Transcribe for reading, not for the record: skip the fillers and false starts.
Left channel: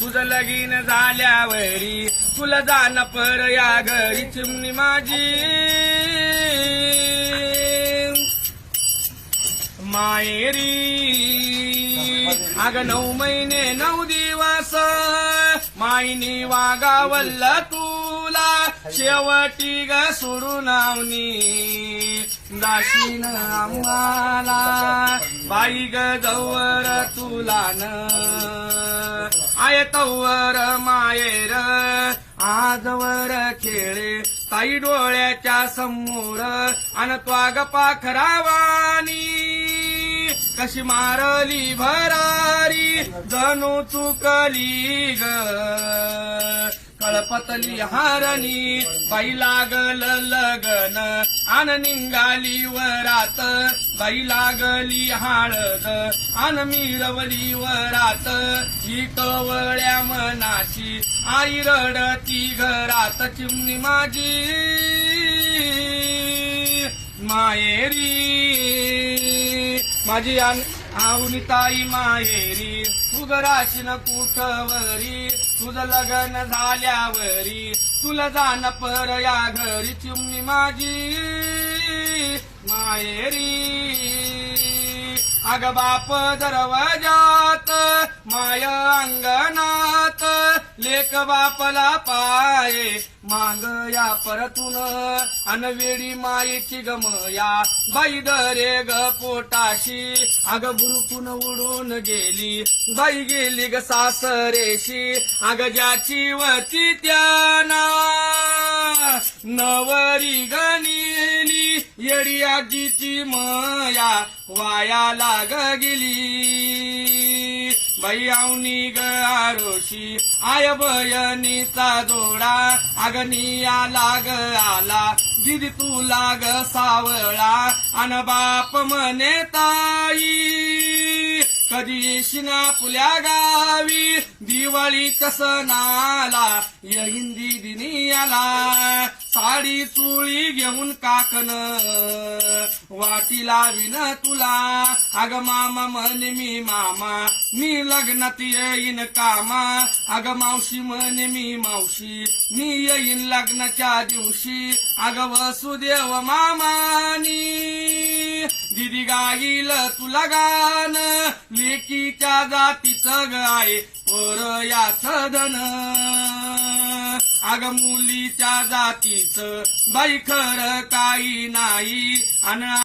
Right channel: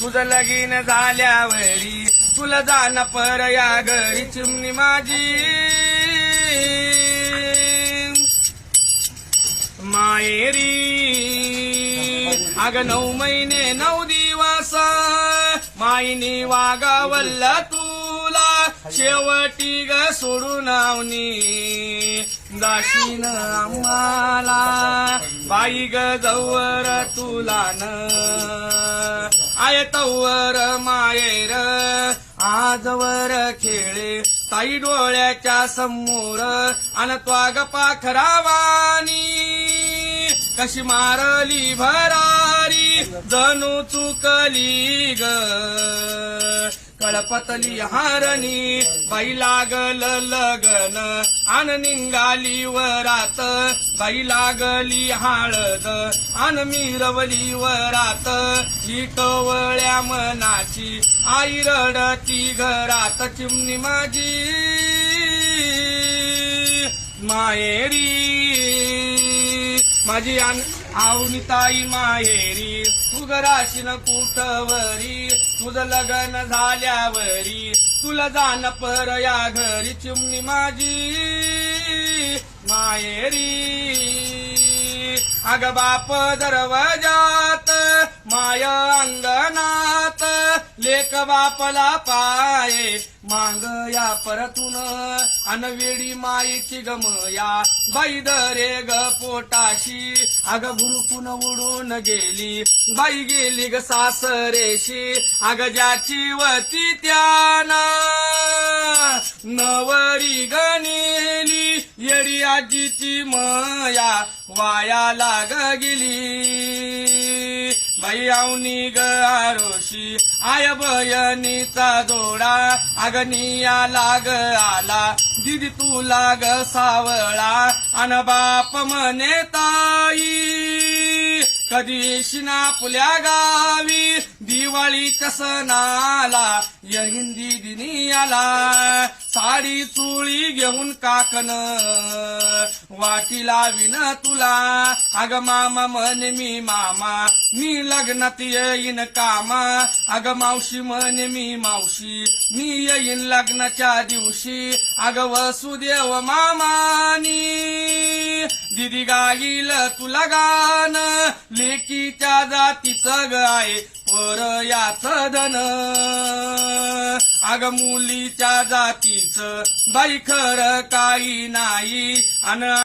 तुझं लगीन झाल्यावरी तुला जाण पर या घरी चिमणी माझी मायेरी अग 9 महिने 9 दिवस माईनी वागावल्ल तुला शेवटी ग सोडून आवनी जाशीन आम्हाला बाई ग जवळ तुला न आय तवर मायेर आजवर खेळे ताई डोळ्याच्या समोर अन त्वाग पाखरावानी कशी मारली भरारी जणू चुकली ग कळपतली हारणी बाई लागल लगन आन निघाली वरात बाई लागली हळद आन मिरवली वरात ही कवळ्या मनाची आई रडती घरात चिमणी माझी मायेरी माझी आवनी ताई मायेरी तू घराशीन कुठवरी तुझं लग्न झाल्यावरी तुला जाण पर या घरी चिमणी माझी मायेरी अग बाप दरवाजात माय अंगणात लेक बापला पाये मांग या परतून अनवेडी मायेची गमया बाई दरे ग पोटाशी अग भुरकून उडून गेली बाई गेली ग सासरेशी अग ज्याची वती त्याना नवरी गणिली येडी आजीची मया वाया लाग गेली बाई आवनी ग आरोशी आय बयनीचा जोडा अगनिया लाग आला दिदी तू लाग सावळा अन बाप म्हणे ताई कधी येशील आपल्या गावी दिवाळीच्या सणाला येईन दिदीनी आला साडी चोळी घेऊन काकन वाटी लावीन तुला अग मामा म्हणे मी मामा मी लग्नात येईन कामा अग मावशी म्हणे मी मावशी मी येईन लग्नाच्या दिवशी अग वसुदेव मामानी दिदी गाईल तुला गान लेकीच्या जातीचं गाय पर याच धन अग मुलीच्या जातीचं बाई खरं काही नाही अन